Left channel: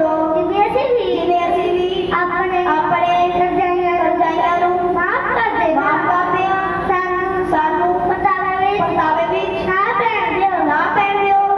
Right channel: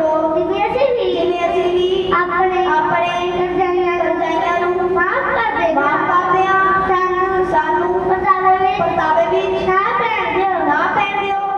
ਤਾਵੇ ਵਿੱਚ ਨਾ ਪੈਣ ਦਿਓ ਨਾ ਪੈਣ ਦਿਓ